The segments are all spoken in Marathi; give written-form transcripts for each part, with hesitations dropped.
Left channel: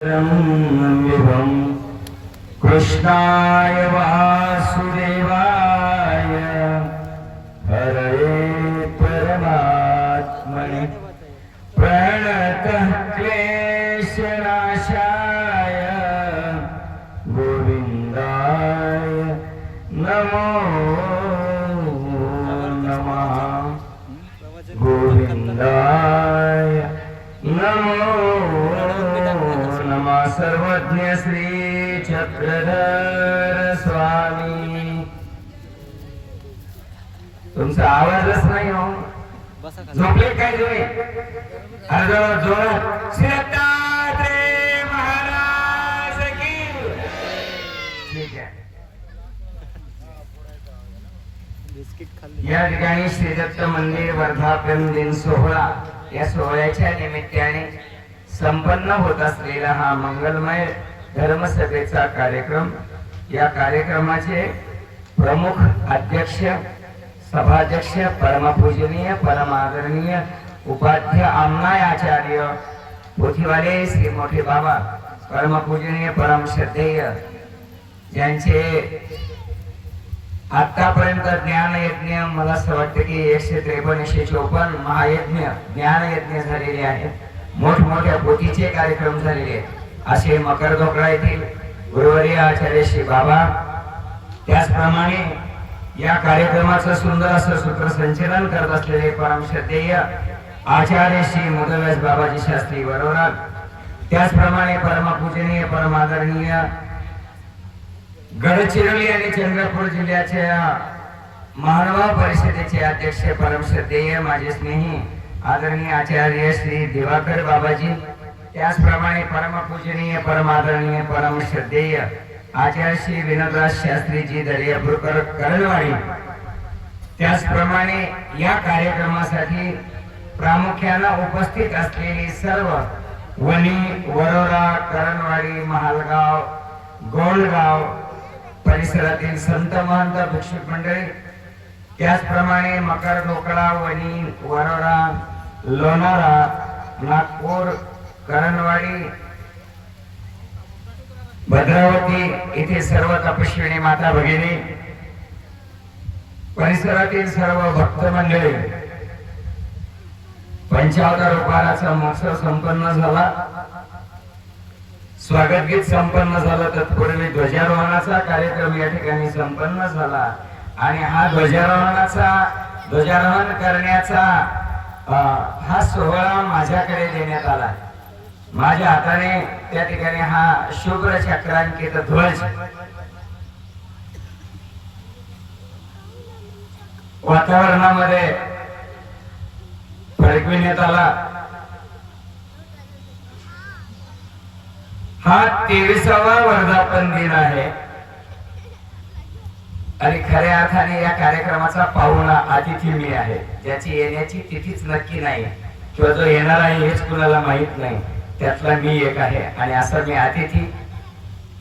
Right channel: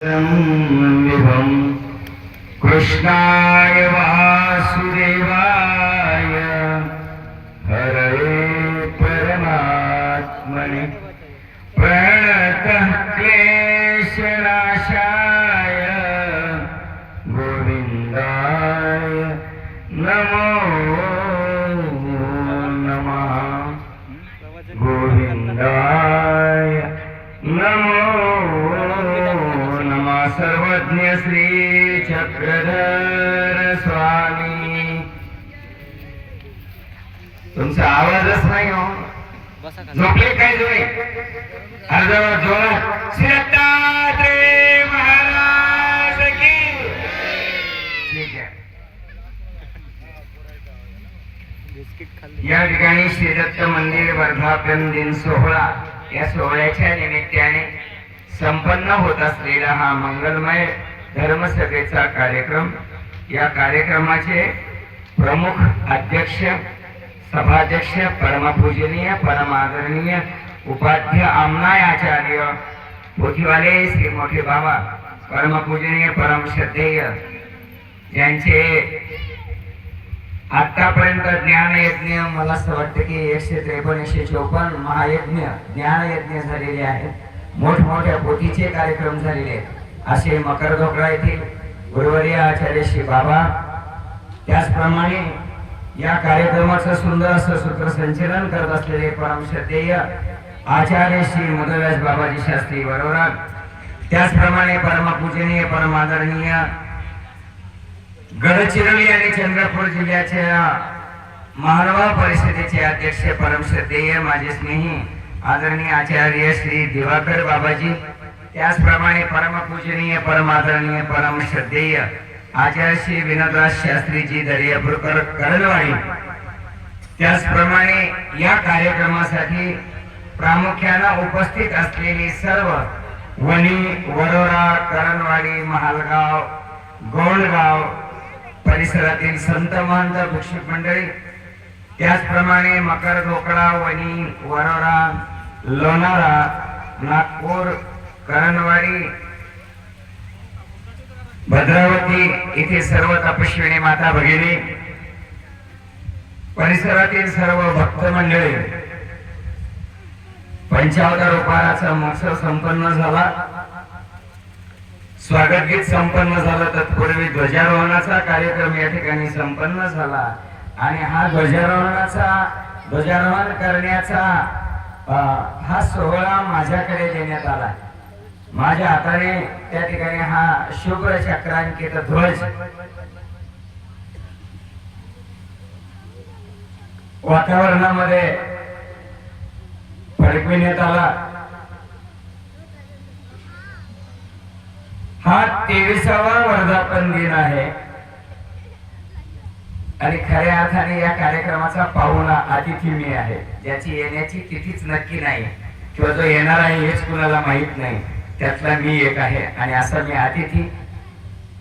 विभं कृष्णाय वासुदेवाय हरये परमात्मने प्रणतः क्लेशनाशाय गोविन्दाय नमो नमः गोविन्दाय नमो नमः सर्वज्ञ श्री चक्रधर स्वामी। तुमचा आवाजच नाही हो, झोपले काय तुम्ही? अर्धवट जोरात श्री दत्तात्रय महाराज की। ठीक आहे, या ठिकाणी श्री दत्त मंदिर वर्धापन दिन सोहळा या सोहळ्याच्या निमित्ताने संपन्न होत असलेला हा मंगलमय धर्मसभेचा कार्यक्रम, या कार्यक्रमाचे प्रमुख अध्यक्ष सभाध्यक्ष परमपूजनीय परमादरणीय उपाध्य आमनाय आचार्य पोथीवाले श्री मोठे बाबा परमपूजनीय परम श्रद्धेय, ज्यांचे आतापर्यंत ज्ञान यज्ञ मला असं वाटतं की 153-154 महायज्ञ ज्ञान यज्ञ झालेले आहेत, मोठमोठ्या पोथीचे कार्यक्रम झालेले आहेत, असे मकरधोकडा येथील गुरुवर्य आचार्य श्री बाबा, त्याचप्रमाणे या कार्यक्रमाचं सुंदर असं सूत्रसंचलन करत असलेले परम श्रद्धेय आचार्य श्री मुदराज बाबाजी शास्त्री वरोरा, त्याचप्रमाणे परमपूजनीय परमादरणीय गडचिरोली आणि चंद्रपूर जिल्ह्याच्या महानुभाव परिषदेचे अध्यक्ष परम श्रद्धेय माझे स्नेही आदरणीय आचार्य श्री दिवाकर बाबाजी, त्याचप्रमाणे परमपूजनीय परमादरणीय परम श्रद्धेय आचार्य श्री विनोदराज शास्त्रीजी दर्यापूरकर करणवाडी, त्याचप्रमाणे या कार्यक्रमासाठी प्रामुख्याने उपस्थित असलेली सर्व वणी वरोरा करणवाडी महालगाव गोंडगाव परिसरातील संत महंत भिक्षुक मंडळी, त्याचप्रमाणे मकरधोकडा वणी वरोरा लोणारा नागपूर करणवाडी भद्रावती येथे सर्व तपस्विनी माता भगिनी, परिसरातील सर्व भक्त मंडळी, पंचावतार उपहाराचा महोत्सव संपन्न झाला, स्वागत गीत संपन्न झालं, तत्पूर्वी ध्वजारोहणाचा कार्यक्रम या ठिकाणी संपन्न झाला आणि हा ध्वजारोहण करण्याचा हा सोहळा माझ्याकडे देण्यात आला। माझ्या हाताने त्या ठिकाणी हा शुभ्र चक्रांकित ध्वज वातावरणामध्ये फडकविण्यात आला। हा 23वा वर्धापन दिन आहे आणि खऱ्या अर्थाने या कार्यक्रमाचा पाहुणा अतिथी मी आहे, ज्याची येण्याची तिथीच नक्की नाही किंवा जो येणार आहे हेच कुणाला माहित नाही, त्यातला मी एक आहे। आणि असं मी अतिथी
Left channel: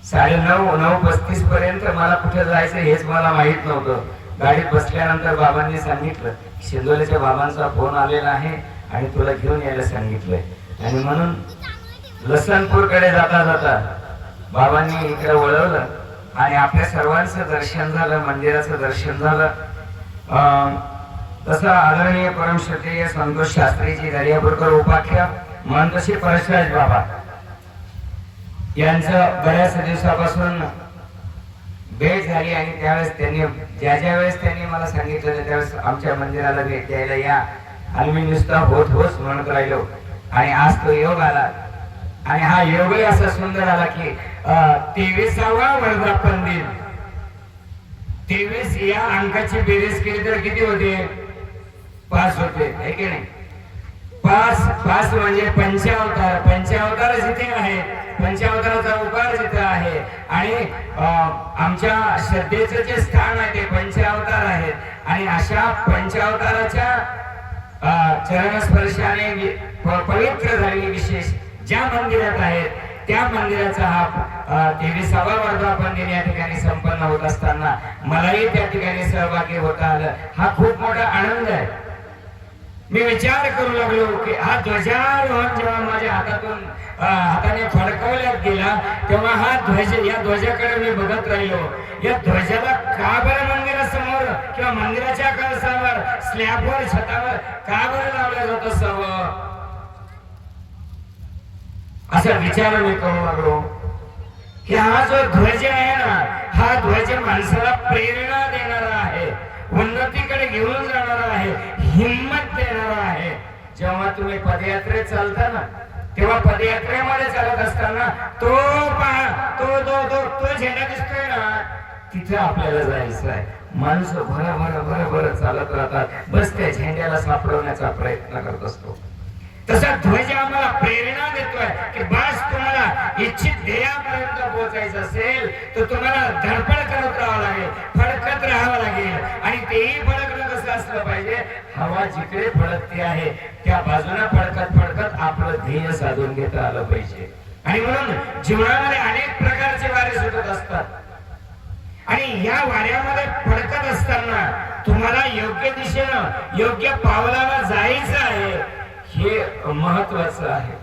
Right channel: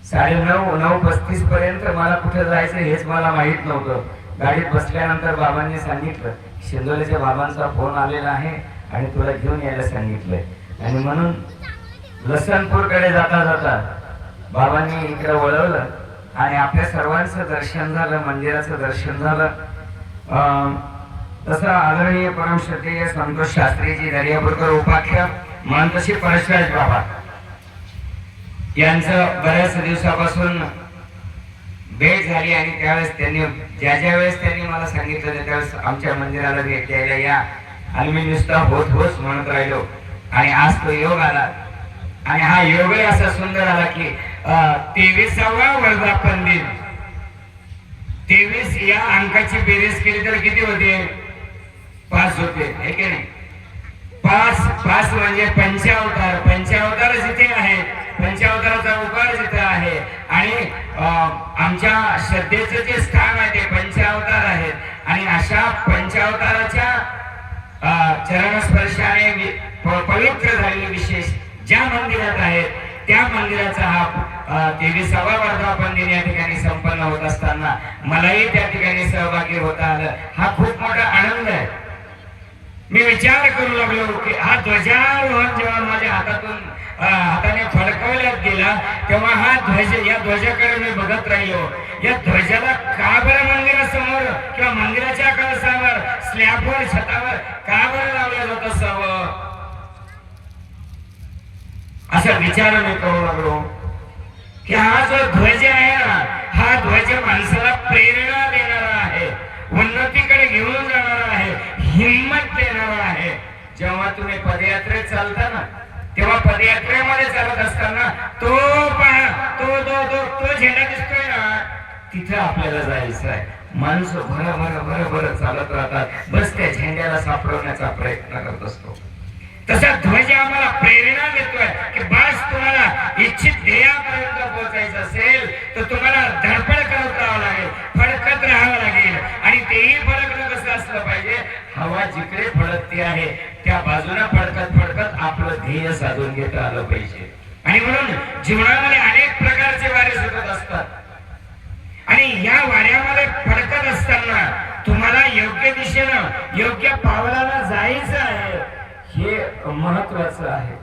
9:35 पर्यंत मला कुठे जायचं हेच मला माहित नव्हतं। गाडीत बसल्यानंतर बाबांनी सांगितलं शिंदोलेच्या बाबांचा फोन आलेला आहे आणि तुला घेऊन यायला सांगितलंय, आणि म्हणून लसणपूरकडे जाता जाता बाबांनी इकडे वळवलं आणि आपल्या सर्वांचं दर्शन झालं, मंदिराचं दर्शन झालं। तसं आदरणीय परम श्रद्धेय संतोष शास्त्रीजी दर्यापूरकर उपाख्य महंतशी परशराज बाबा यांचं बऱ्याच दिवसापासून भेट झाली आणि त्यावेळेस त्यांनी ज्या वेळेस त्यांनी मला सांगितलं त्यावेळेस आमच्या मंदिराला भेट द्यायला या, आणि मी नुसता होत होत म्हणत राहिलो आणि आज तो योग आला आणि हा योगही असा सुंदर आला की 23वा वर्धापन दिन। 23 या अंकाची बेरीज केली तर किती होते? 5 होते, है की नाही? 5 म्हणजे पंचावतार, पंचावतार जिथे आहे, पंचावताराचा उकार जिथे आहे आणि आमच्या श्रद्धेचं जे स्थान आहे ते पंचावतार आहेत, आणि अशा पंचावताराच्या चरणस्पर्शाने पवित्र झालेले विशेष ज्या मंदिरात आहेत त्या मंदिराचा हा 23वा वर्धापन दिन या ठिकाणी संपन्न होत असताना मलाही त्या ठिकाणी सहभागी होता आलं, हा खूप मोठा आनंद आहे। मी विचार करू लागलो की हा ध्वजारोहण जेव्हा माझ्या हाताने फडकवण्यात गेला तेव्हा हा ध्वज, या ध्वजाकडे मी बघत राहिलो. या ध्वजाला का बरं मंदिरासमोर किंवा मंदिराच्या कळसावर, स्लॅबवर, छतावर का बरं लावलं जात असावं, असा विचार मी करू लागलो. की हा जो ध्वज आहे ना, हा ध्वज माणसाला प्रेरणा देणारा आहे, उन्नतीकडे घेऊन जाणारा आहे, हिम्मत देणारा आहे. जेव्हा तुम्ही पदयात्रेत चालता ना, तेव्हा पदयात्रेमध्ये चालत असताना तो पहा, तो झेंडा दिसतोय ना, तिथं आपल्याला जायचं आहे. माणसं भर चालत राहतात, बस त्या झेंड्याला सापडवण्याचा प्रयत्न करत असतो. तसा ध्वज आम्हाला प्रेरणा देतोय की बस तुम्हाला इच्छित ध्येयापर्यंत पोहोचायचं असेल तर तुम्हाला धडपड करत राहावं लागेल, फडकत राहावं लागेल. आणि तेही फडकणं कसं असलं पाहिजे, हवा जिकडे फडकते आहे त्या बाजूला फडकत आपलं ध्येय साधून घेता आलं पाहिजे. आणि म्हणून जीवनामध्ये अनेक प्रकारचे वारे सुटत असतात आणि या वाऱ्यामध्ये फडकत असताना तुम्हाला योग्य दिशेनं, योग्य पावलानं जायचं आहे, हे महत्वाचं आहे.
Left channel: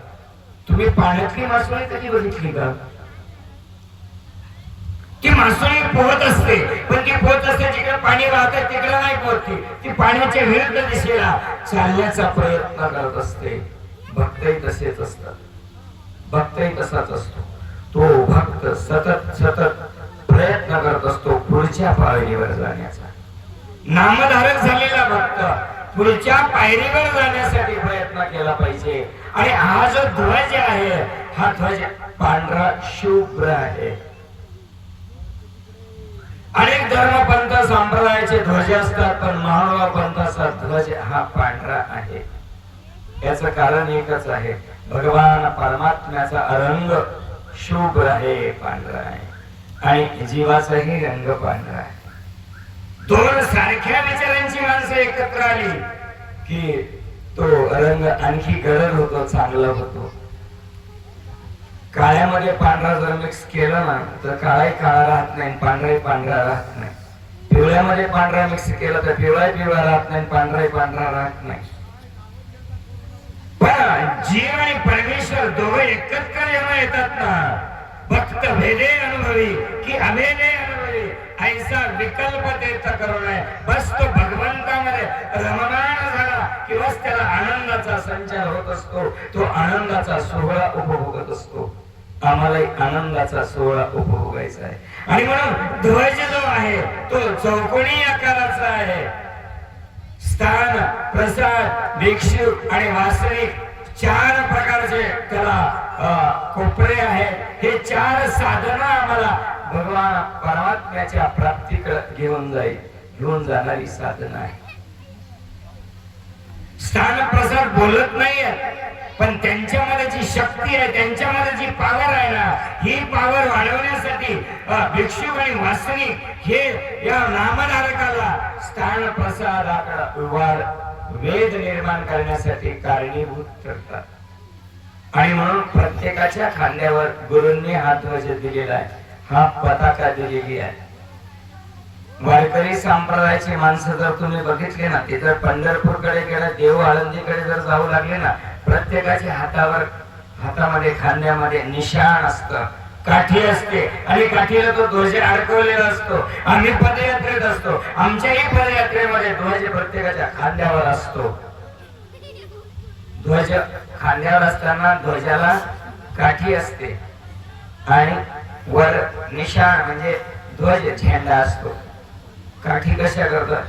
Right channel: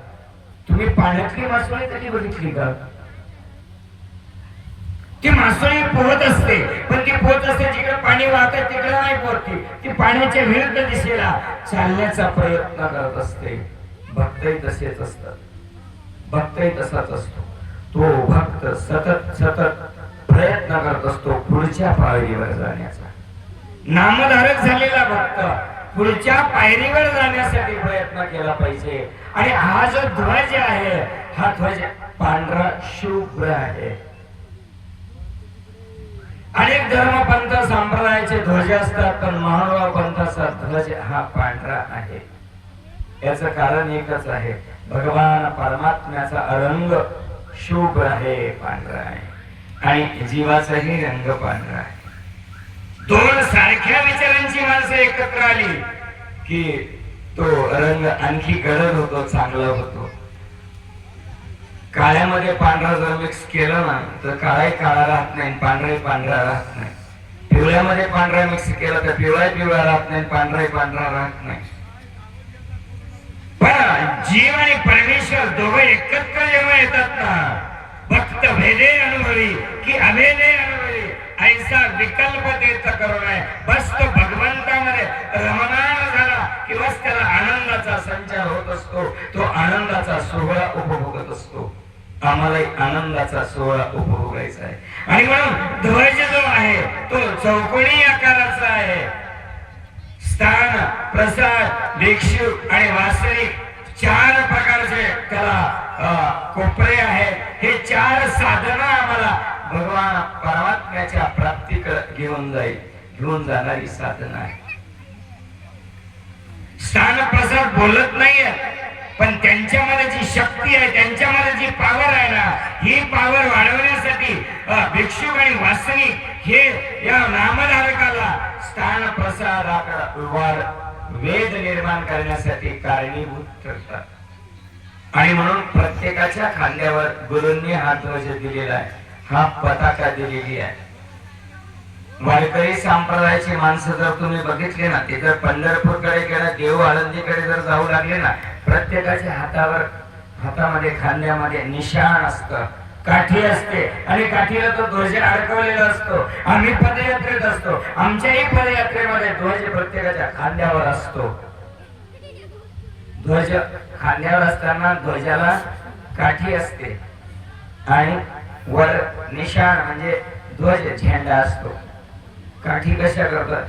तुम्ही पाण्यातली मासोळी कधी बघितली का? ती मासोळी पोहत असते, पण ती पोहत असते जिकडे पाणी वाहत तिकडे नाही पोहती, ती पाण्याच्या विरुद्ध दिशेला चालण्याचा प्रयत्न करत असते. भक्तही तसेच असतात, भक्तही तसाच असतो. तो भक्त सतत प्रयत्न करत असतो पुढच्या पायरीवर जाण्याचा. नामधारक झालेला भक्त पुढच्या पायरीवर जाण्यासाठी प्रयत्न केला पाहिजे. आणि हा जो ध्वज आहे, हा ध्वज पांढरा शुभ्र आहे. अनेक धर्म पंथ संप्रदायाचे ध्वज असतात, पण महानुभाव पंथाचा ध्वज हा पांढरा आहे. याचं कारण एकच आहे, भगवान परमात्म्याचा रंग शुभ्र आहे, पांढरा आहे, आणि जीवाचाही रंग पांढरा आहे. दोन सारख्या विचारांची माणसं एकत्र आली की तो रंग आणखी गडद होतो, चांगला होतो. काळ्यामध्ये पांढरा जर मिक्स केलं ना तर काळाही काळा राहत नाही, पांढराही पांढरा राहत नाही. पिवळ्यामध्ये पांढरा मिक्स केला तर पिवळाही पिवळा राहत नाही, पांढराही पांढरा राहत नाही. पण जीव आणि परमेश्वर दोघं एकत्र जेव्हा येतात ना, भक्त भेदे अनुभवी की अभेदे अनुभवी, ऐसा विकल्प देत करुणा, बस तो भगवंतामध्ये रममाण झाला की बस त्याला आनंदाचा संचार होत असतो, तो आनंदाचा सोहळा उपभोगत असतो. आम्हालाही आनंदाचा सोहळा उपभोगायचा आहे. आणि म्हणून ध्वज जो आहे तो चौकोनी आकाराचा आहे. स्थान, प्रसाद, भिक्षुक आणि वासनिक चार प्रकारचे त्याला कोपरे आहेत. हे चार साधनं आम्हाला भगवान परमात्म्याच्या प्राप्तीकडे घेऊन जाणारी साधनं आहे. स्थान प्रसाद बोलत नाहीये, पण त्यांच्यामध्ये जी शक्ती आहे, त्यांच्यामध्ये जी पावर आहे ना, ही पावर वाढवण्यासाठी भिक्षुक आणि वासनिक हे या नामधारकाला स्थान प्रसादाकडे वाढ, वेद निर्माण करण्यासाठी कारणीभूत ठरतात. आणि म्हणून प्रत्येकाच्या खांद्यावर गुरूंनी हा ध्वज दिलेला आहे, हा पताका दिलेली आहे. वारकरी संप्रदायाची माणसं जर तुम्ही बघितले ना, ते जर पंढरपूरकडे गेला, देव आळंदीकडे जर जाऊ लागले ना, प्रत्येकाच्या हातामध्ये खांद्यामध्ये निशाण असतं, काठी असते, आणि काठीला तो ध्वज अडकवलेला असतो. आम्ही पदयात्रेत असतो, आमच्याही पदयात्रेमध्ये ध्वज प्रत्येकाच्या खांद्यावर असतो. ध्वज खांद्यावर असताना ध्वजाला काठी असते आणि वर निशाण म्हणजे ध्वज झेंडा असतो. काठी कशा करतात?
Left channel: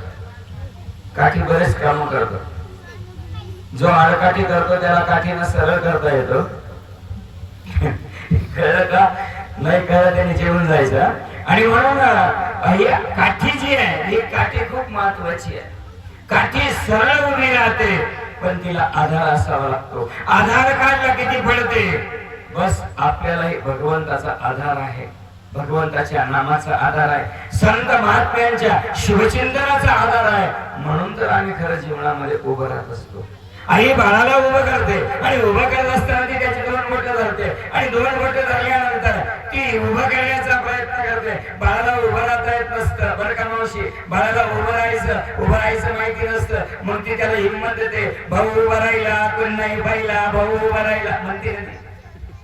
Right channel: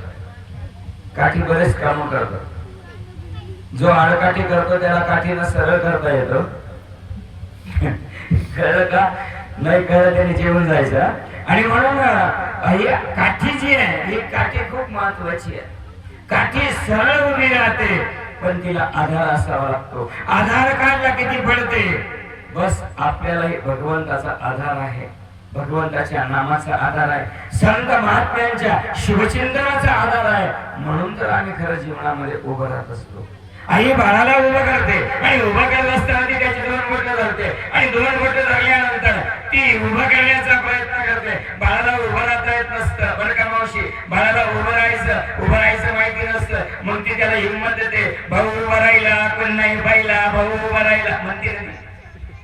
काठी बरेच काम करतात. जो आडकाठी करतो त्याला काठीनं सरळ करता येतो. कळलं का? नाही कळलं त्याने जेवून जायचं. आणि म्हणून ही काठी जी आहे, ही काठी खूप महत्वाची आहे. काठी सरळ उभी राहते, पण तिला आधार असावा लागतो. आधार काढला किती पडते? बस आपल्यालाही भगवंताचा आधार आहे, भगवंताच्या नामाचा आधार आहे, संत महात्म्यांच्या शुभचिंतनाचा आधार आहे. म्हणून तर आम्ही खरं जीवनामध्ये उभं राहत असतो. आई बाळाला उभं करते, आणि उभं करत असताना ती त्याची दोन बोटं धरते, आणि दोन बोटं धरल्यानंतर ती उभं करण्याचा प्रयत्न करते. बाळाला उभं राहता येत नसतं, बरं का मावशी, बाळाला उभं राहायचं माहिती नसतं, मग ती त्याला हिंमत देते. होते, भाऊ उभा राहिला कोण नाही पाहिला, भाऊ उभा राहिला म्हणते ना,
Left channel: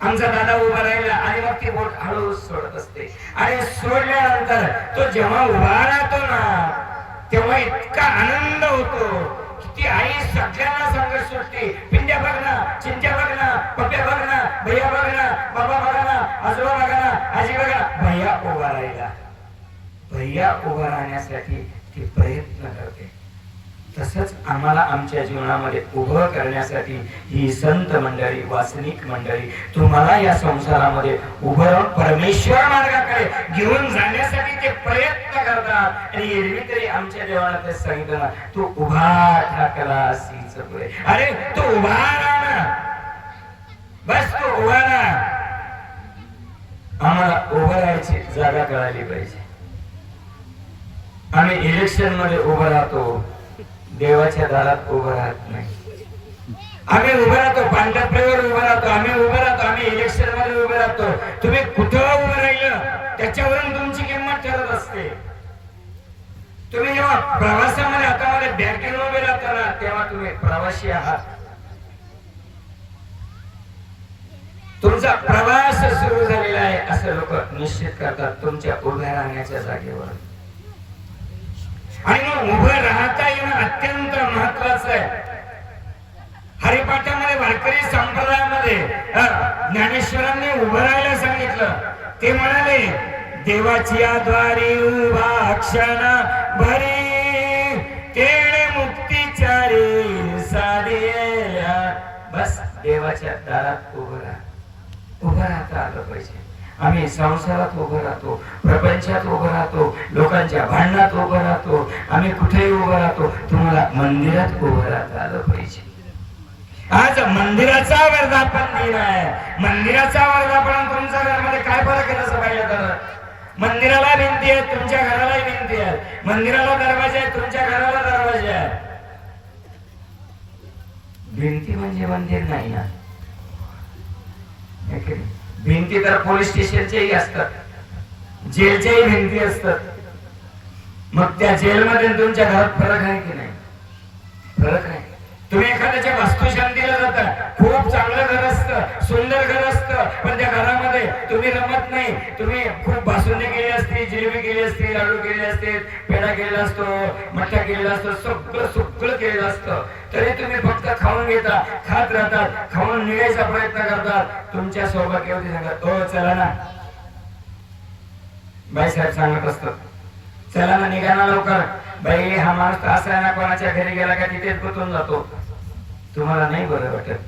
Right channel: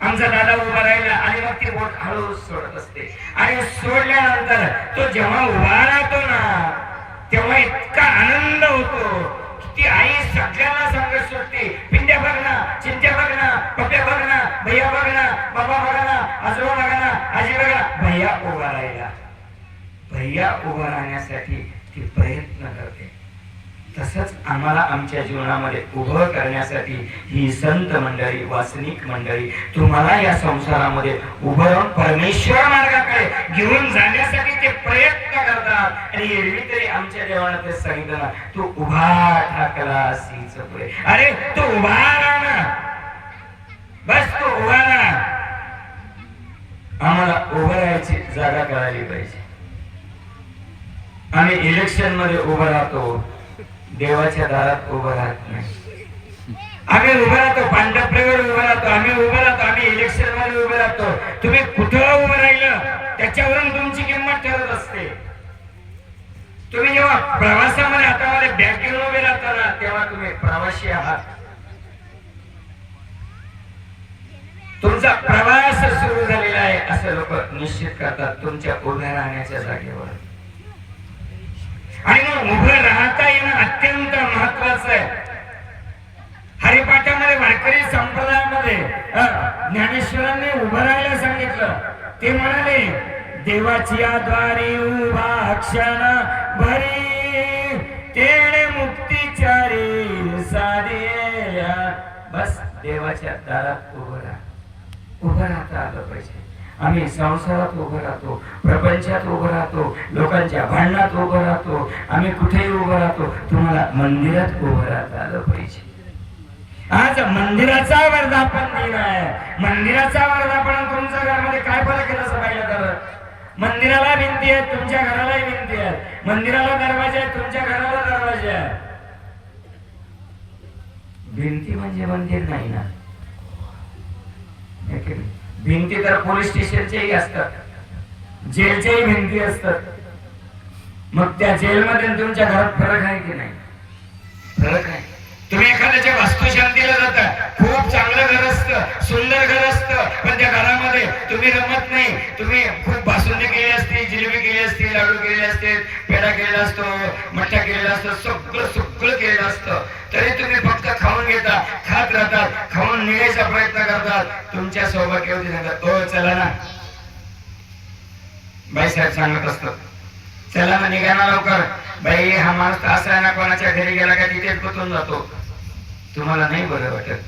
आमचा दादा उभा राहिला आणि मग ती बोट हळू सोडत असते आणि सोडल्यानंतर तो जेव्हा उभा राहतो ना तेव्हा इतका आनंद होतो. ती आई सगळ्यांना सांगत सुटते, पिंड्या बघ ना, चिंट्या बघ ना, पप्प्या बघ ना, भैया बघ ना, बाबा बघा ना, आजोबा बघा ना, आजी बघा, भैया उभा राहिला. भैया उभा राहण्यासाठी ती प्रयत्न करते. तसंच आम्हाला आमच्या जीवनामध्ये उभं करण्यासाठी ही संत मंडळी, वासनिक मंडळी तुम्हाला या संसारामध्ये उभं राहून परमेश्वर मार्गाकडे घेऊन जाण्यासाठी ते प्रयत्न करतात. आणि एरवी तरी आमच्या देवाला ते सांगितलं ना, तू उभा ठाकला सीच पुढे. अरे तू उभा राहा ना, बस तू उभा राहा. आम्हाला उभं राहायची जागा कळाली पाहिजे. आम्ही इलेक्शन मध्ये उभं राहतो, देवाच्या दारात उभं राहत नाही. आम्ही उभं राहतो, पांढरपेवर उभं राहतो, आम्ही उभं राहतो, आम्ही इलेक्शन मध्ये उभं राहतो. तुम्ही कुठं उभं राहिलं त्याच्यावरून तुमची किंमत ठरत असते. तुम्ही जेव्हा प्रवासामध्ये हातामध्ये बॅग घेऊन उभे राहता ना तेव्हा तुम्ही प्रवासी आहात. तुमचा प्रवास सुरू झालेला आहे असं लोक निश्चित करतात तुमच्या उभ्या राहण्याच्या जागेवर. आणि मग उभं राहता येणं अत्यंत महत्वाचं आहे. हरिपाठामध्ये वारकरी संप्रदायामध्ये ज्ञानेश्वरांनी उभं राहायला सांगितलं. ते म्हणाले, देवाची द्वारी उभा क्षण भरी, तेणे मुक्तीच्या रे साडिया. बस देवाच्या दारात उभं राहता आलं पाहिजे. आम्ही संसारात उभं राहतो, प्रपंचात उभं राहतो, लोकांच्या भांडणात उभं राहतो, आम्ही कुठेही उभं राहतो. तुम्हाला मंदिरात उभं राहता आलं पाहिजे. आज मंदिराचा वर्धापन दिन आहे. मंदिराचा वर्धापन तुमच्या घरामध्ये काय फरक आहे असं पाहिलं तर, मंदिराला भिंती आहेत, तुमच्या घराला भिंती आहेत. मंदिराला दरवाजे आहेत, तुमच्या घराला दरवाजे आहेत. भिंती म्हणजे मंदिर नाही ना. भिंती तर पोलीस स्टेशनच्याही असतात, जेलच्याही भिंती असतात. मग त्या जेलमध्ये तुमच्या घरात फरक आहे की नाही? फरक आहे. तुम्ही एखाद्याच्या वास्तुशांतीला जाता, खूप चांगलं घर असतं, सुंदर घर असतं, पण त्या घरामध्ये तुम्ही रमत नाही. तुम्ही खूप बासुंदी केली असते, जिलेबी केली असते, लाडू केले असते, पेढा केला असतो, मठ्ठा केलेला असतो, सगळं केलेलं असतं, तरी तुम्ही फक्त खाऊन घेता, खात राहतात, खाऊन निघायचा प्रयत्न करतात. तुमच्या सौभाग्यवती सांगतात, ओ चला ना, बाईसाहेब सांगत असतात, चला ना निघा ना लवकर. बाई हा माणूस असा आहे ना, कोणाच्या घरी गेला का तिथेच गुंतून जातो. तुम्हाला नाही बरं वाटत,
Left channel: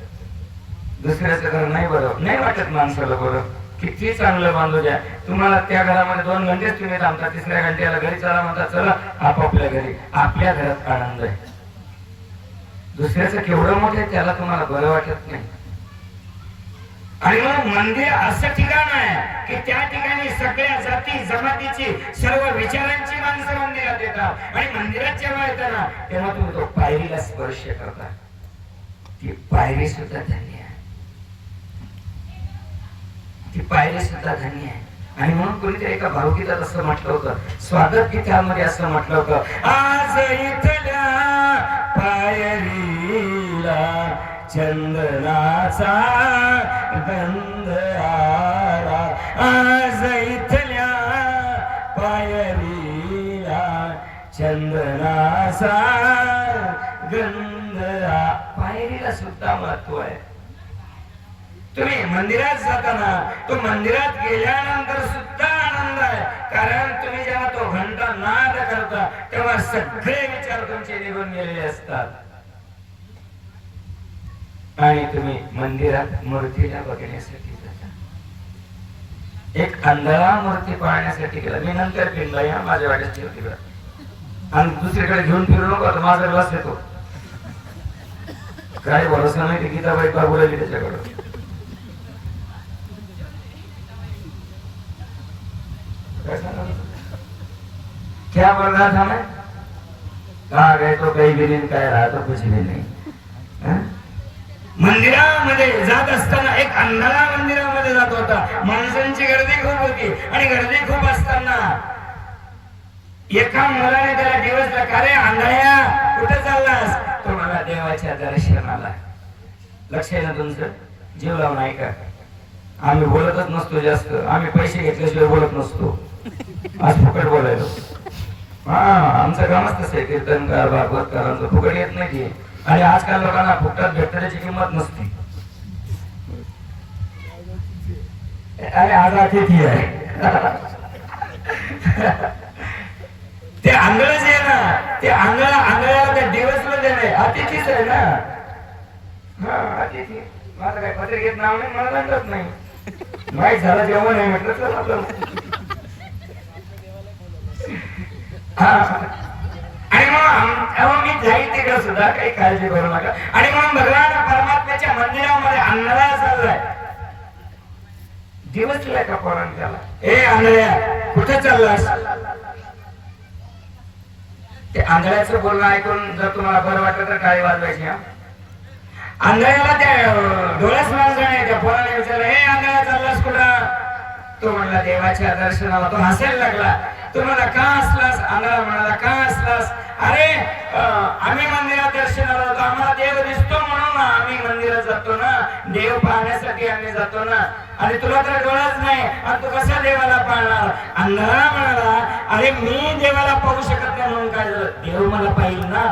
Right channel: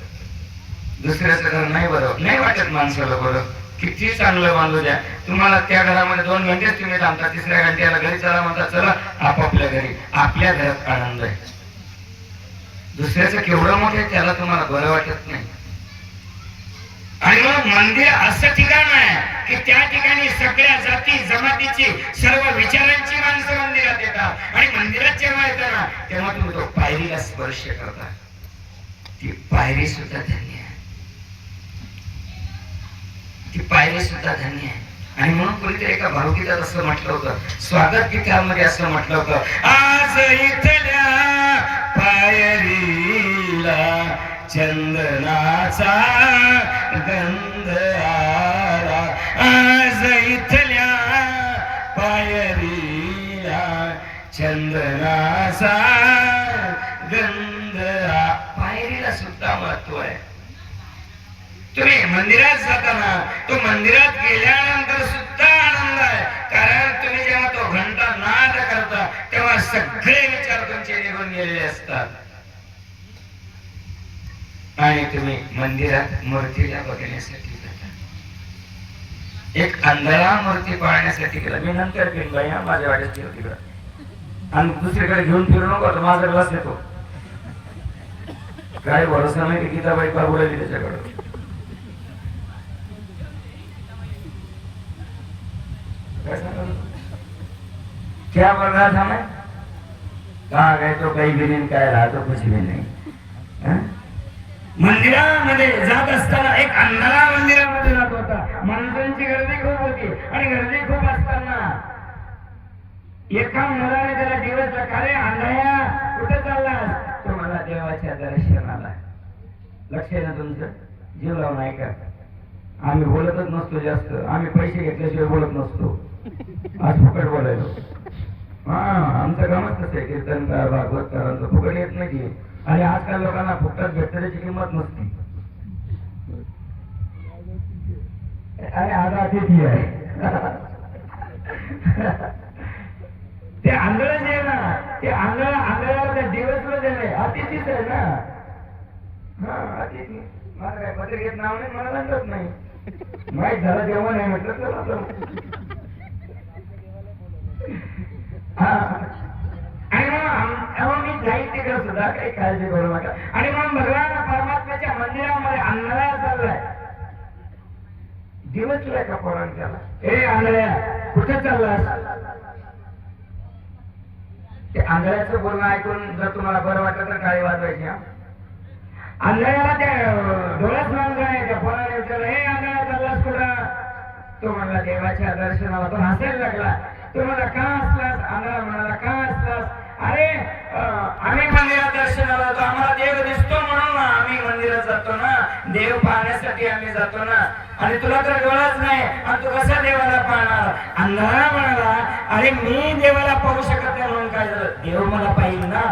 दुसऱ्याचं घर नाही बरं नाही वाटत माणसाला बरं. किती चांगलं बांधू द्या, तुम्हाला त्या घरामध्ये 2 घंटेच तुम्ही थांबता, 3ऱ्या घंट्याला घरी चला म्हणता, चला आपापल्या घरी. आपल्या घरात आनंद आहे, दुसऱ्याचं केवढं मोठं आहे त्याला तुम्हाला बरं वाटत नाही. आणि मग मंदिर असं ठिकाण आहे की त्या ठिकाणी सगळ्या जाती जमातीची, सर्व विचारांची माणसं मंदिरात येतात. आणि मंदिरात जेव्हा येतात ना तेव्हा तुम्ही तो पायरीला स्पर्श करता. ती पायरी सुद्धा धन्य आहे, ती पायरी सुद्धा धन्य आहे. आणि म्हणून कोणीतरी एका भावगीतात असं म्हटलं होतं, स्वागत गीतामध्ये असं म्हटलं होतं, आज इथल्या पायरीला चंदनाचा गंध आला. आज इथल्या पायरीला चंदनाचा गंध. पायरीला सुद्धा महत्व आहे. तुम्ही मंदिरात जाताना तो मंदिरात गेल्यानंतर सुद्धा आनंद आहे, कारण तुम्ही जेव्हा तो घंटा नाद करता तेव्हा सगळे विचार तुमचे निघून गेलेले असतात. आणि तुम्ही मंदिरात मूर्तीला बघण्यासाठी जाता. एक अंधारा मूर्ती पाहण्यासाठी गेला. मी नंतर फिरला, या माझ्या वाटेची होती आणि दुसरीकडे घेऊन फिरू नको, आता माझा ग्लास येतो. काय भरोसा नाही की गीताबाई का बोलायली त्याच्याकडे. क्या बोल रहा था मैं? कहा गए तो कहीं भी नहीं, काय रहा तो कुछ भी नहीं. मंदिरामध्ये जात असताना एक अंधारा मंदिरामध्ये जात होता. माणसांची गर्दी खूप होती आणि गर्दी खूप असताना एका मुलाने त्याला दिवसला, का रे आंधळ्या कुठे चाललास? तो मला देवाच्या दर्शनाला. लक्ष आहे ना तुमचं? जीव लावून ऐका. आम्ही बोलतच नसतो जास्त, आम्ही पैसे घेतल्याशिवाय बोलत नसतो. आज फुकट बोलायलो. हा, आमचं कामच तसं आहे. कीर्तनकार भागवतकारांचं फुकट येत नाही. आणि आजकाल लोकांना फुकटात भेटतं त्याची किंमत नसते. अरे आज अतिथी आहे. ते आंधळच आहे ना, ते आंधळ्याला ते दिवसला देणे अतिथीच आहे ना. हा, अतिथी. माझं काय पत्रिकेत नाव नाही, मला लागत नाही. माहीत झालं जेवण आहे म्हटलं तर आपलं. हा, आणि मग मी जाईल तिकडे सुद्धा, काही काळजी करू नका. आणि मग भगवान परमात्म्याच्या मंदिरामध्ये आंधळा चाललाय. दिवसला का पोरांना त्याला, ए आंधळ्या कुठे चाललास? ते आंधळ्याचं बोलणं ऐकून जर तुम्हाला बरं वाटलं तर टाळी वाजवायची. हा, आंधळ्याला त्या डोळ्याच माणसाने त्या पोराला विचारलं, हे आंधळ्या चाललास कुठं? तो म्हणला देवाच्या दर्शनाला. तो हसायला लागला. तो म्हणला का हसलास? आंधळा म्हणाला का हसलास? अरे आम्ही मंदिरात दर्शनाला जातो, आम्हाला देव दिसतो म्हणून आम्ही मंदिरात जातो ना, देव पाहण्यासाठी आम्ही जातो ना. आणि तुला तर डोळाच नाही आणि तू कसा देवाला पाहणार? आंधळा म्हणाला, अरे मी देवाला पाहू शकत नाही म्हणून काय झालं? देव मला पाहिजे ना.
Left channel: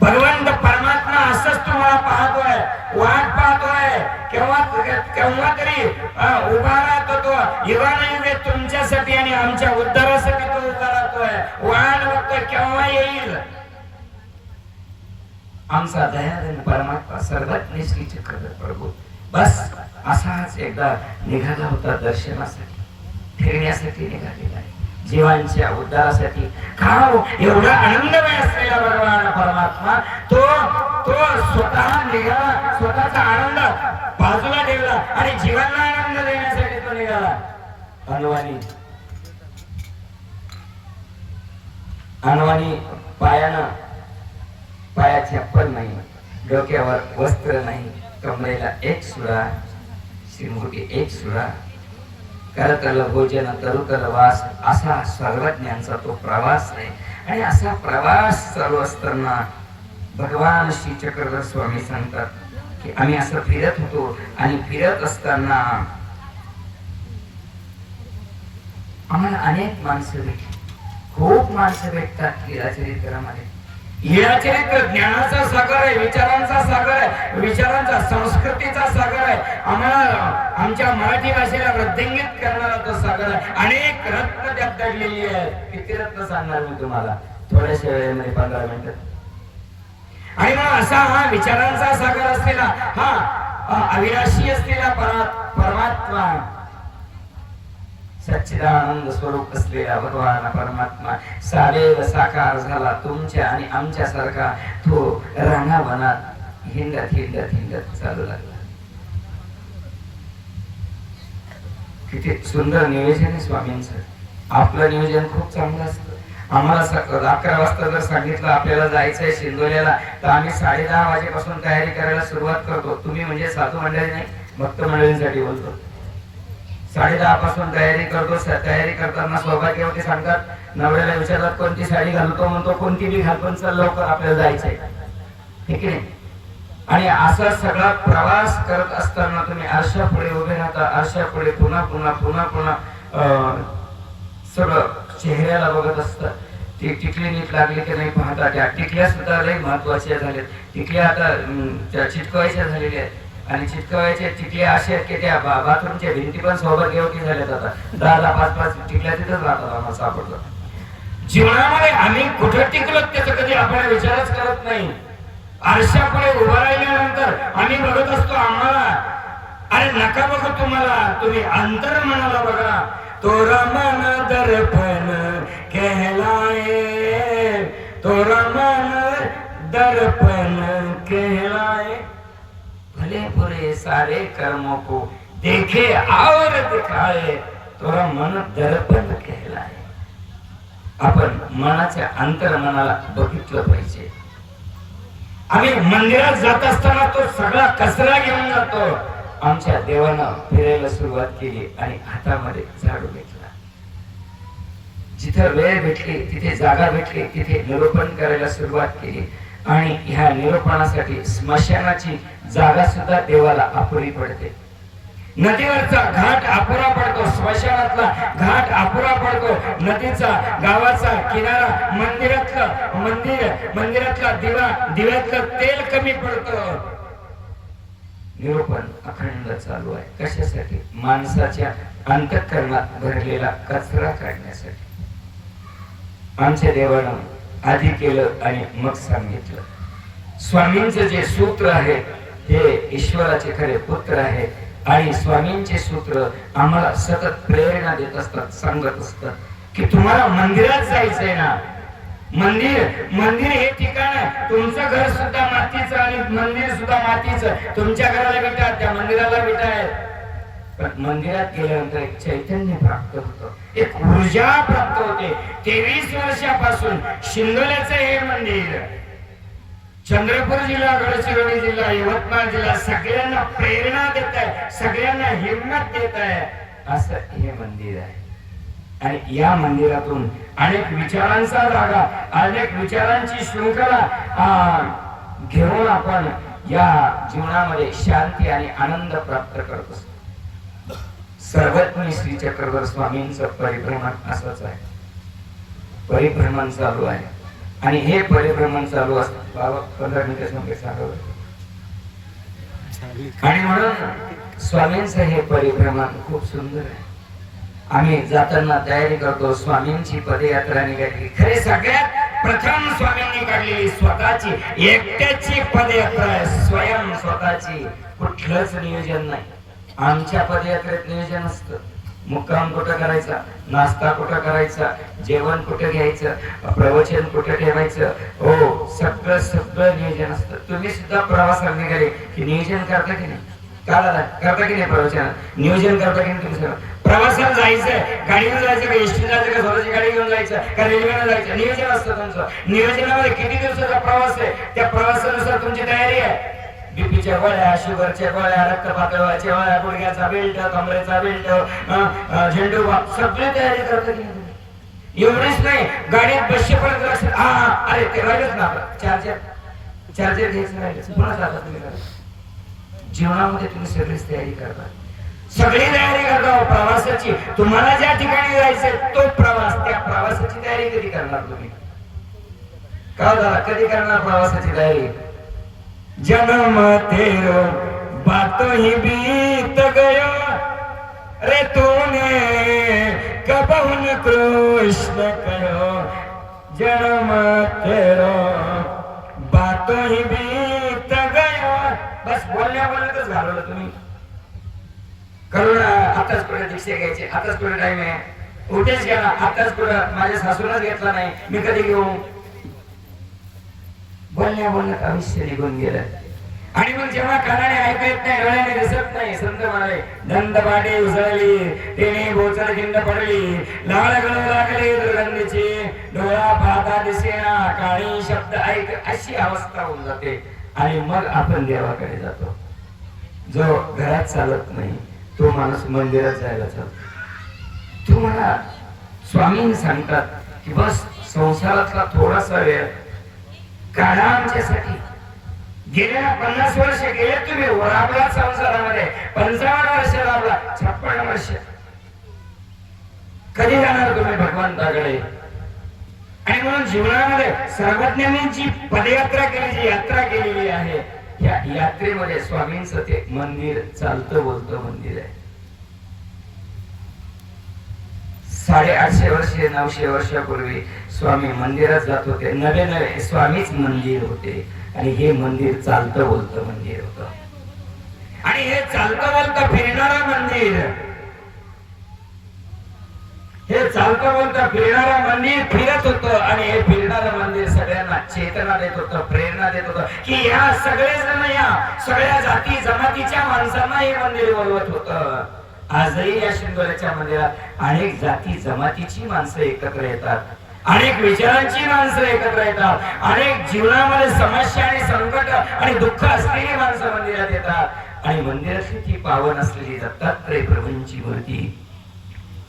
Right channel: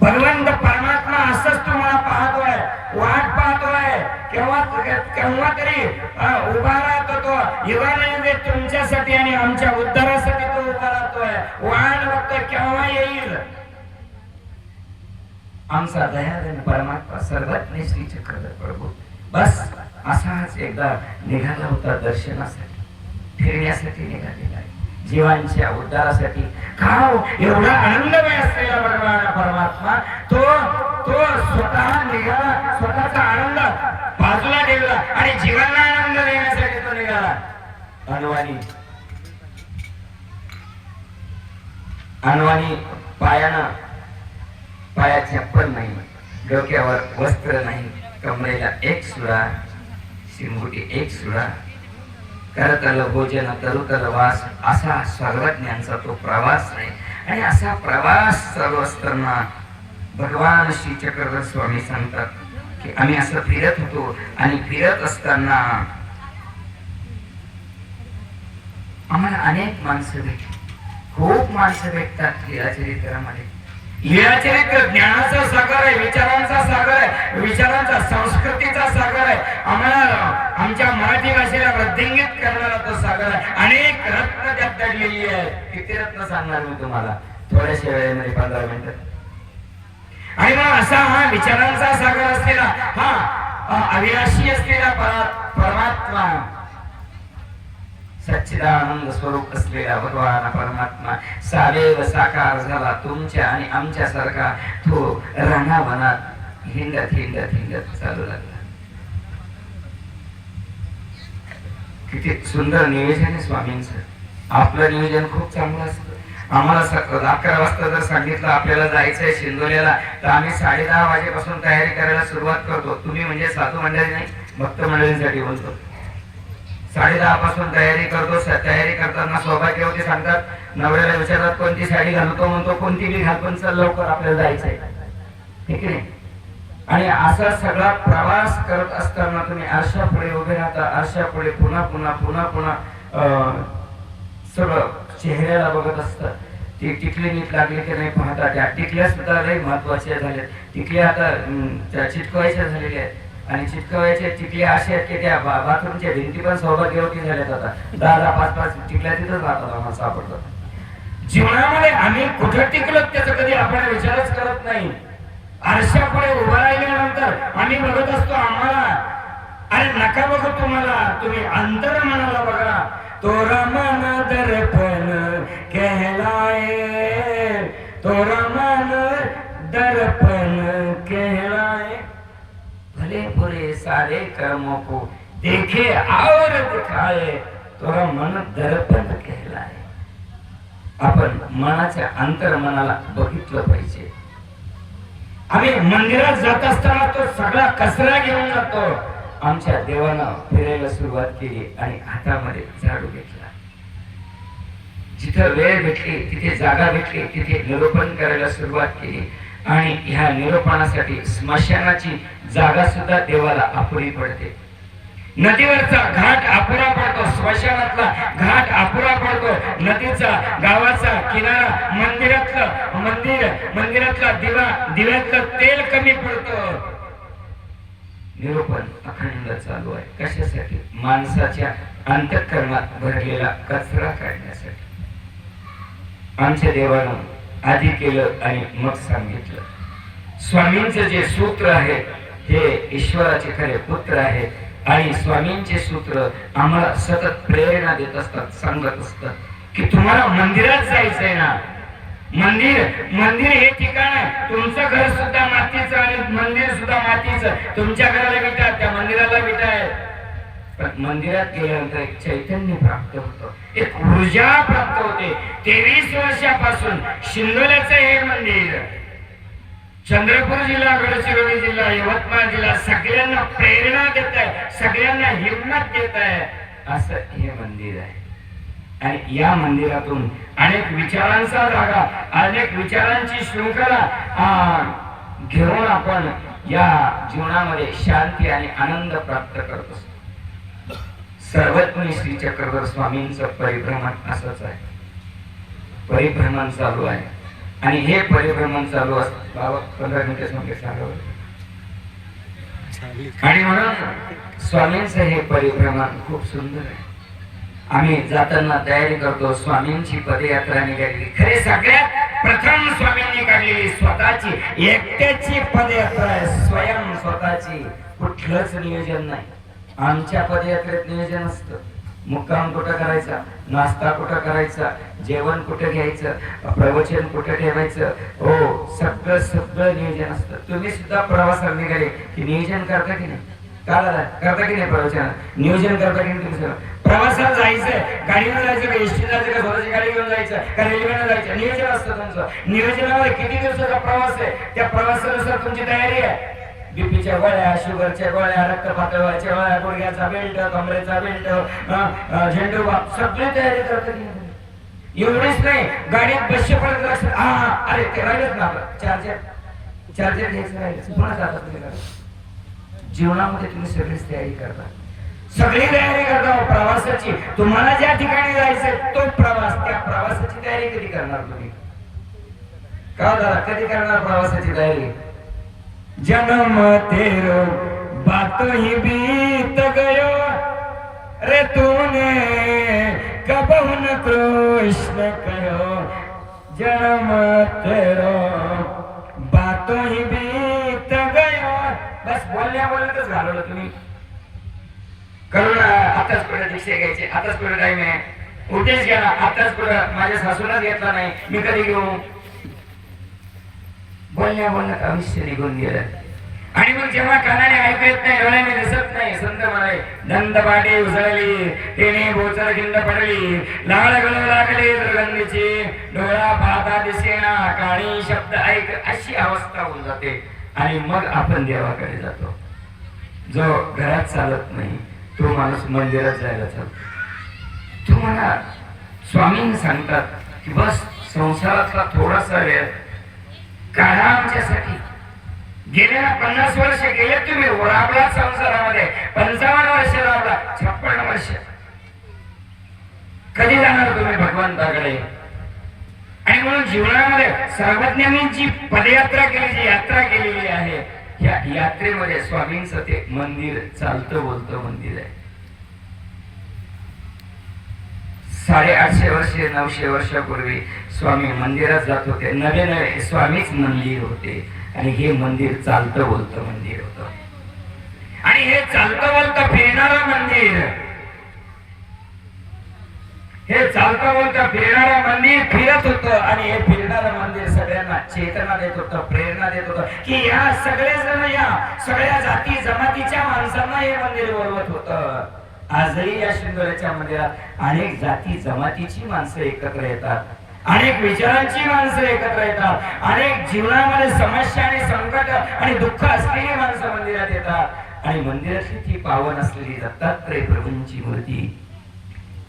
भगवंत परमात्मा असंच तुम्हाला पाहतोय, वाट पाहतोय. केव्हा तरी उभा राहतो तो. युगानुयुगे तुमच्यासाठी आणि आमच्या उद्धारासाठी तो उभा राहतोय. वाट बघतोय केव्हा येईल. आमचा दयाळू परमात्मा सर्वज्ञ श्री चक्रधर प्रभू बस असाच एकदा निघाला होता दर्शनासाठी, फिरण्यासाठी निघालेला आहे, जीवांच्या उद्धारासाठी. का एवढा आनंदमय असलेला भगवान परमात्मा तो स्वतः निघाला, स्वतःचा आनंद बाजूला ठेवला आणि जीवांना आनंद देण्यासाठी तो निघाला. अनवाणी पायात चप्पल नाही, डोक्यावर वस्त्र नाही, कमरेला एक सुरा, शिंगुटी एक सुरा, करतल भोजन तरुतल वास, असा सर्वज्ञांचा तो प्रवास आहे. आणि असा प्रवास चालू असताना भगवान श्री चक्रधर स्वामी सांगतात की आम्ही असं फिरत होतो आणि फिरत असताना आम्हाला अनेक माणसं भेटली. खूप माणसं भेटतात लीळाचरित्रामध्ये. लीळाचरित्र ज्ञानाचा सागर आहे, विचारांचा सागर आहे, विचारांचा संस्कृतीचा सागर आहे. आम्हाला आमच्या मराठी भाषेला वृद्धिंगित करणारा तो सागर आहे. अनेक रत्न त्यात दडलेली आहेत. किती रत्न सांगणार मी तुम्हाला थोड्याशा वेळेमध्ये, 15 मिनिटं. आणि मग असा हा विचारांचा सागर असलेला, हा अविनाशी असलेला परमात्मा, सच्चिदानंद स्वरूप असलेला भगवान परमात्मा सावेव साकार झाला. तुमच्या आणि आमच्या सारखा तो रानावनात हिंडत हिंडत हिंडत चालू लागला. किती सुंदर नियोजन आहे स्वामींचं. आपलं नियोजन खूप चांगलं असतं. आम्हाला 11 वाजता जर सांगितलं आपल्याला जायचंय शिंदोल्याला, तर आम्ही 10:30 वाजेपासून तयारी करायला सुरुवात करतो. तुम्ही म्हणजे साधू मंडळी नाही, भक्त मंडळींसाठी बोलतो. 10:30 पासून तयारी करतो. तयारी करताना सौभाग्यवती सांगतात, नवऱ्याला विचारतात कोणती साडी घालतो, म्हणतो कोणती बी घालतो, चल लवकर आपल्याला जायचंय, ठीक आहे. आणि असा सगळा प्रवास करत असताना तुम्ही आरशा पुढे उभे राहता. आरशा पुढे पुन्हा पुन्हा पुन्हा पुन्हा सगळं चेहऱ्याला बघत असतं. ती टिकली नीट लागली की नाही पाहता. त्या टिकल्या सुद्धा लई महत्वाच्या झाल्यात. टिकल्या आता चिटकवायच्या झालेल्या आहेत. आणि चिटकवायच्या टिकल्या अशा आहेत की त्या बाथरूमच्या भिंती पण सौभाग्यवती झाल्यात. आता 10-10, 5-5 टिकल्या तिथंच राहतात, आम्हाला सापडतात. जीवनामध्ये आम्ही कुठं टिकलो त्याचा कधी आपण विचारच करत नाही. आरशा पुढे उभा राहिल्यानंतर आम्ही बघत असतो आम्हाला. अरे नका बघू तुम्हाला, तुम्ही अंतर मनाला बघा. तोरा मन दर्पण कहलाए, तोरा मन दर्पण कहलाए, भले बुरे सारे कर्मों को देखे और दिखाए, तोरा मन दर्पण कहलाए. आपण मनाच्या अंतर मनाला बघितलं पाहिजे. आम्ही मंदिरात जात असताना तो सगळा कचरा घेऊन जातो. आमच्या देवानं फिरायला सुरुवात केली आणि हातामध्ये झाडू घेतला. जिथं वेळ भेटली, तिथे जागा भेटली, तिथे निरूपण करायला सुरुवात केली. आणि ह्या निरूपणासाठी स्मशानाची जागा सुद्धा देवाला अपुरी पडते. नदीवरचा घाट अपुरा पडतो, स्मशानातला घाट अपुरा पडतो, नदीचा गावाचा किनारा, मंदिरातला दिवा, दिव्यातलं तेल कमी पडतं. निरूपण अखंड चालू आहे. कशासाठी? माणसाच्या अंतःकरणात भरलेला कचरा काढण्यासाठी. आमच्या देवानं आधी केलं आणि मग सांगितलं. स्वामींचं जे सूत्र आहे हे ईश्वराचे खरे पुत्र आहेत आणि स्वामींचे सूत्र आम्हाला सतत प्रेरणा देत असतात, सांगत असतात की तुम्हाला मंदिरात जायचंय ना. मंदिर हे ठिकाण आहे. तुमचं घर सुद्धा मातीचं आणि मंदिर सुद्धा मातीचं. तुमच्या घराला विटा, त्या मंदिराला विटा आहे. पण मंदिरात गेल्यानंतर एक चैतन्य प्राप्त होतं, एक ऊर्जा प्राप्त होते. 23 वर्षापासून शिंदोल्याचं हे मंदिर, चंद्रपूर जिल्हा, गडचिरोली जिल्हा, यवतमाळ जिल्हा सगळ्यांना प्रेरणा देत आहे, सगळ्यांना हिंमत देत आहे असं हे मंदिर आहे. आणि या मंदिरातून अनेक विचारांचा धागा, अनेक विचारांची शृंखला घेऊन आपण या जीवनामध्ये शांती आणि आनंद प्राप्त करत असतो. सर्वज्ञ श्री चक्रधर स्वामींचं परिभ्रमण असंच आहे. परिभ्रमण चालू आहे आणि हे परिभ्रमण चालू असतं. बाबा 15 मिनिटे सांगावं. आणि म्हणून स्वामींचं हे परिभ्रमण खूप सुंदर आहे. आम्ही जाताना तयारी करतो. स्वामींची पदयात्रा निघाली. खरे सगळ्यात प्रथम स्वामींनी काढलेली स्वतःची एकट्याची पदयात्रा आहे, स्वयं स्वतःची. कुठलंच नियोजन नाही. आमच्या पदयात्रेत नियोजन असतं. मुक्काम कुठं करायचा, नाश्ता कुठं करायचा, जेवण कुठं घ्यायचं, प्रवचन कुठं ठेवायचं, हो सगळं नियोजन असतं. तुम्ही सुद्धा प्रवासाला निघाले की नियोजन करता की नाही? करता की नाही? प्रवचन नियोजन करता की नाही? तुम्ही सगळं प्रवासाला जायचं, गाडीवर जायचं का एसटी जायचं का स्वतःची गाडी घेऊन जायचं का रेल्वेने जायचं, नियोजन असतं तुमचं. नियोजनामध्ये किती दिवसाचा प्रवास आहे, त्या प्रवासानुसार तुमची तयारी आहे. बीपीच्या गोळ्या, शुगरच्या गोळ्या, रक्त पातळीच्या गोळ्या, गुडघ्याचा बेल्ट, कमरेचा बेल्ट, झेंडू बाम, सगळी तयारी करता की नाही? एवढीच नाही, गाडीत बसशेपर्यंत लक्षात अरे ते राहिलंच ना, चार्जर घ्यायचं राहिलं, पुन्हा जाता तुम्ही. जीवनामध्ये तुम्ही सगळीच तयारी करता, सगळी तयारी करता प्रवासाची. तुम्हाला ज्या ठिकाणी जायचं तो प्रवास, त्या प्रवासाची तयारी कधी करणार तुम्ही? का दादा कधी करणार प्रवासाची तयारी? जन्म तेरो बातों ही बीत गयो रे तूने कबहुन कृष्ण कहो. जन्म तेरो बातों ही बीत गयो. बस बोलण्यातच घालवलं तुम्ही. करून आताच कुठे दीक्षा घ्यायचे, आताच कुठे टाइम आहे, उठेच घ्या, आताच कुठं माझ्या सासूनच घेतला नाही, मी कधी घेऊ? बोलण्यात आयुष्य निघून गेलं. आणि मग जेव्हा कानाने ऐकू येत नाही, डोळ्याने दिसत नाही, संत म्हणाले दंत पाटे उसळली, तेने बोचर खिंड पडली, लाळ गळू लागले दुर्गंधीची, डोळा पाहता दिसेना, काणी शब्द ऐक, अशी अवस्था होऊन जाते. आणि मग आपण देवाकडे जातो. जो घरात चालत नाही तो माणूस मंदिरात जायला चालतो. तुम्हाला स्वामी सांगतात की बस संसारातला थोडासा वेळ काढा आमच्यासाठी. गेल्या 50 वर्ष गेले तुम्ही राबला संसारामध्ये, 55 वर्ष राबला, 56 वर्ष. कधी जाणार तुम्ही भगवंताकडे? आणि म्हणून जीवनामध्ये सर्वज्ञांनी जी पदयात्रा केली, जी यात्रा केलेली आहे, या यात्रेमध्ये स्वामींचं ते मंदिर चालतं बोलतं मंदिर आहे. 850 वर्षे 900 वर्षापूर्वी स्वामी मंदिरात जात होते. नवे स्वामीच मंदिर होते आणि हे मंदिर चालतं बोलतं मंदिर होतं. आणि हे चालतं बोलतं फिरणारं मंदिर, हे चालतं बोलतं फिरणारं मंदिर फिरत होतं. आणि हे फिरणारं मंदिर सगळ्यांना चेतना देत होतं, प्रेरणा देत होतं की या सगळेजण, या सगळ्या जाती जमातीच्या माणसांना हे मंदिर बोलवत होतं. आजही या शिंदोल्याच्या मंदिरात अनेक जाती जमातीची माणसं एकत्र येतात, अनेक विचारांची माणसं एकत्र येतात, अनेक जीवनामध्ये समस्या आणि संकट आणि दुःख असलेली माणसं मंदिरात येतात. आणि मंदिरातली ती पावन असलेली दत्तात्रय प्रभूंची मूर्ती,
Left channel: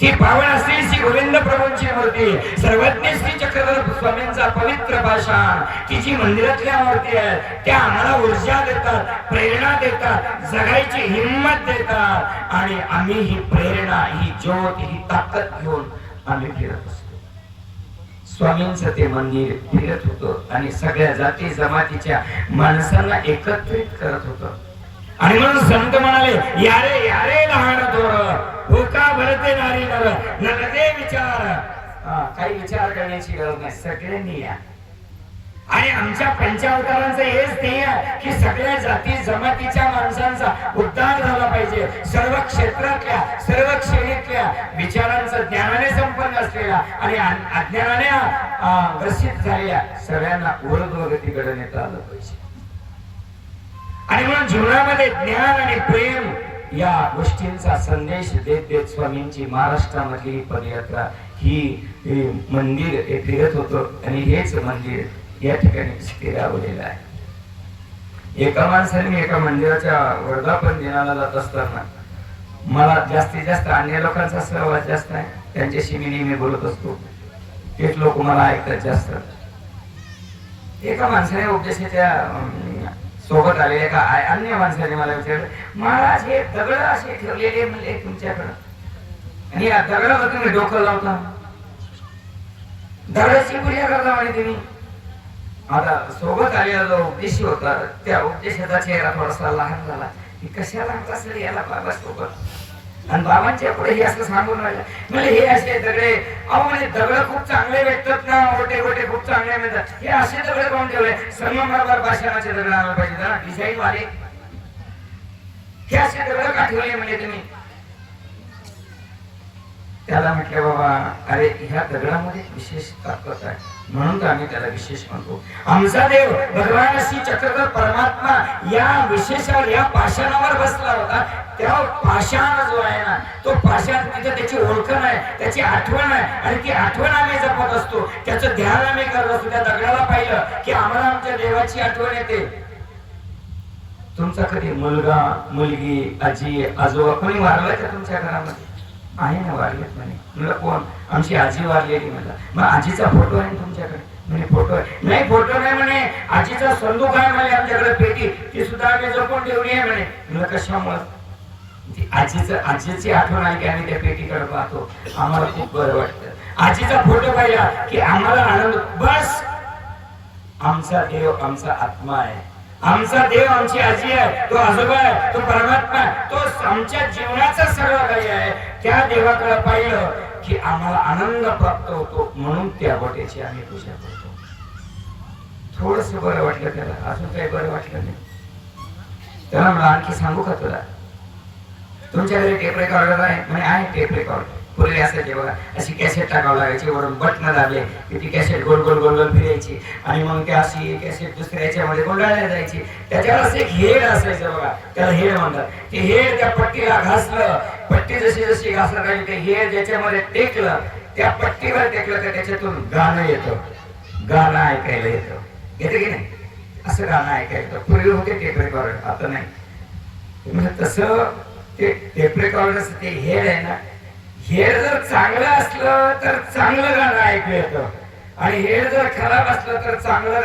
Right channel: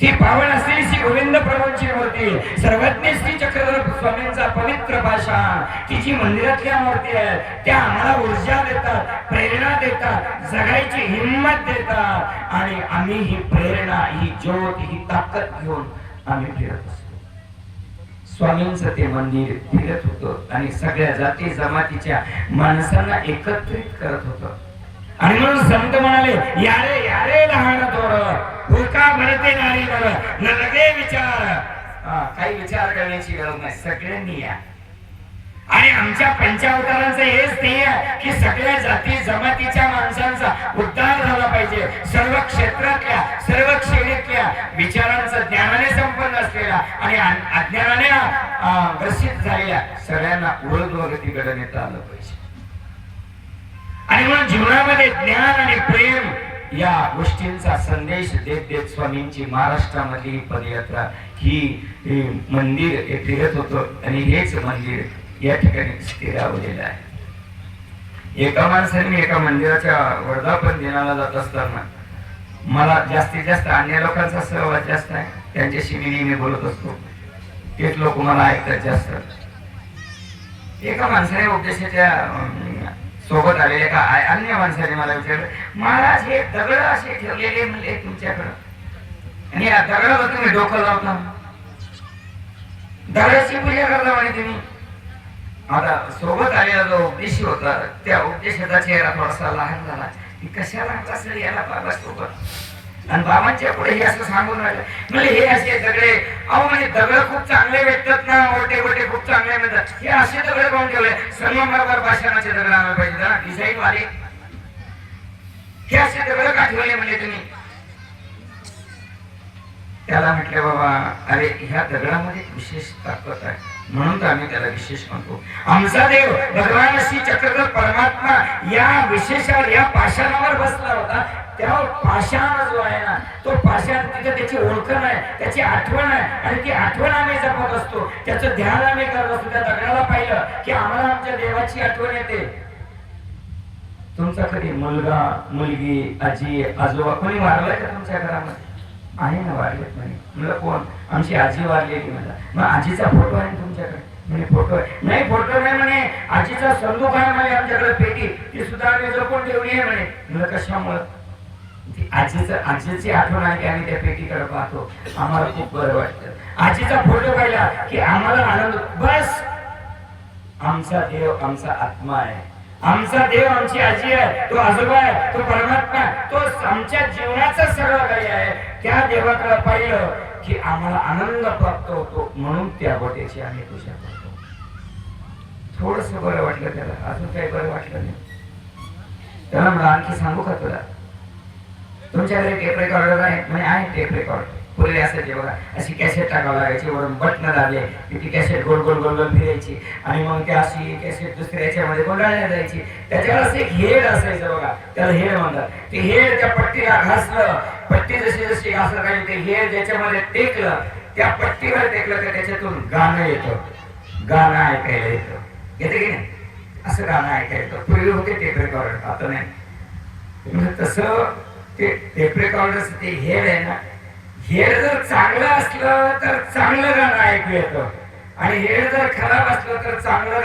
ती पावन असलेली श्री गोविंद प्रभूंची मूर्ती, सर्वज्ञ श्री चक्रधर स्वामींचा पवित्र पाषाण, ती जी मंदिरातल्या मूर्ती आहे त्या आम्हाला ऊर्जा देतात, प्रेरणा देतात, जगायची हिंमत देतात आणि आम्ही ही प्रेरणा, ही ज्योत, ही ताकद घेऊन आम्ही फिरत असतो. स्वामींचं ते मंदिर फिरत होतं आणि सगळ्या जाती जमातीच्या माणसांना एकत्रित करत होतं. आणि म्हणून संत म्हणाले, यारे यारे लहान थोर भूका भरते नारी नर न लगे विचार. काही विचार करण्याची गरज नाही, सगळ्यांनी या. आणि आमच्या पंचावतारांचं हेच ध्येय की सगळ्या जाती जमातीच्या माणसांचा उद्धार झाला पाहिजे. सर्व क्षेत्रातल्या, सर्व श्रेणीतल्या विचारांचं ज्ञानाने संपन्न असलेला आणि अज्ञानाने ग्रसित झालेल्या सगळ्यांना ऊर्ध्वगतीकडे नेता आलं पाहिजे. आणि म्हणून जीवनामध्ये ज्ञान आणि प्रेम या गोष्टींचा संदेश देत देत स्वामींची महाराष्ट्रामधली ही पदयात्रा, ही मंदिर हे फिरत होतं आणि हेच मंदिर या ठिकाणी स्थिरावलेलं आहे. एका माणसाने एका मंदिराच्या वर्धापन दिनाला जात असताना मला जास्तीत जास्त अन्य लोकांचा सहवास जास्त आहे, त्यांच्याशी मी नेहमी बोलत असतो, तेच लोक मला ऐकतात जास्त. एका माणसाने उपदेशाच्या सोबत आलेल्या का अन्य माणसाने मला विचारलं, महाराज हे दगड असे ठेवलेले म्हणले तुमच्याकडं, आणि या दगडाला तुम्ही डोकं लावता, दगडाची पूजा करता म्हणे तुम्ही. आता सोबत आलेला जो उपदेशी होता त्या उपदेशाचा चेहरा थोडासा लहान झाला की कशाला कसं याला पालाच होता. आणि बाबांच्या पुढे हे असं सांगून राहिलं, म्हणजे हे असे दगडे, अहो म्हणजे दगड खूप चांगले भेटतात ना, ओटे गोटे खूप चांगले मिळतात, हे असे दगड कोण ठेवले, संगमरमर पाषाणाचे दगड आणायला पाहिजे ना, डिझाईन वाले, हे असे दगड का ठेवले म्हणजे तुम्ही. त्याला म्हटलं, बाबा अरे ह्या दगडामध्ये विशेष ताकद आहे म्हणून तर आम्ही त्याला विशेष म्हणतो. आमचा देव भगवान श्री चक्रधर परमात्मा या विशेषावर, या पाषाणावर बसला होता. तेव्हा पाषाण जो आहे ना, तो पाषाण तिथे त्याची ओळख नाही, त्याची आठवण आहे, आणि ती आठवण आम्ही जपत असतो, त्याचं ध्यान आम्ही करत असतो. त्या दगडाला पाहिलं की आम्हाला आमच्या देवाची आठवण येते. तुमचा कधी मुलगा, मुलगी, आजी, आजोबा कोणी वारलाय का तुमच्या घरामध्ये? आहे ना, वारलेत म्हणे. म्हणलं कोण? आमची आजी वारलेली. म्हणला मग आजीचा फोटो आहे तुमच्याकडे? म्हणे फोटो आहे. नाही फोटो नाही म्हणे, आजीचा संदूक आहे म्हणे आमच्याकडे, पेटी, ती सुद्धा आम्ही जपून ठेवली आहे म्हणे. म्हणलं कशामुळे? आजीची आठवण आहे की आम्ही त्या पेटीकडे पाहतो, आम्हाला खूप बरं वाटतं. आजीचा फोटो पाहिला की आम्हाला आनंद. बस, आमचा देव आमचा आत्मा आहे, आमचा देव आमची आजी आहे, तो आजोबा आहे, तो परमात्मा आहे, तो आमच्या जीवनाचं सगळं काही आहे. त्या देवाकडे पाहिलं की आम्हाला आनंद प्राप्त होतो, म्हणून त्या गोट्याची आम्ही पूजा करतो. थोडस बरं वाटलं त्याला, अजून काही बरं वाटलं नाही. त्याला म्हणलं आणखी सांगू का तुला, तुमच्याकडे टेप रेकॉर्डर आहे? म्हणे आहे टेप रेकॉर्डर. पूर्वी असायचे बघा, अशी कॅसेट टाकावं लागायची, वरून बटन दाबले की ती कॅसेट गोल गोल गोल गोल फिरायची आणि मग त्या अशी कॅसेट दुसऱ्या याच्यामध्ये गोंडाळल्या जायची. त्याच्यावर असं एक हेड असायचं बघा, त्याला हेड म्हणतात. ते हेड त्या पट्टीला घासलं, पट्टी जशी जशी घासलं राहील ते हेड ज्याच्यामध्ये टेकलं, त्या पट्टीवर टेकलं तर त्याच्यातून गाणं येतं, गाणं ऐकायला येतं. येतं की नाही? असं गाणं ऐकायचं. पूर्वी होते टेप रेकॉर्डर, आता नाही. तसं ते टेप रेकॉर्डरचं ते हेड आहे ना, हेड जर चांगलं असलं तर चांगलं गाणं ऐकू येतं, आणि हेड जर खराब असलं तर चांगलं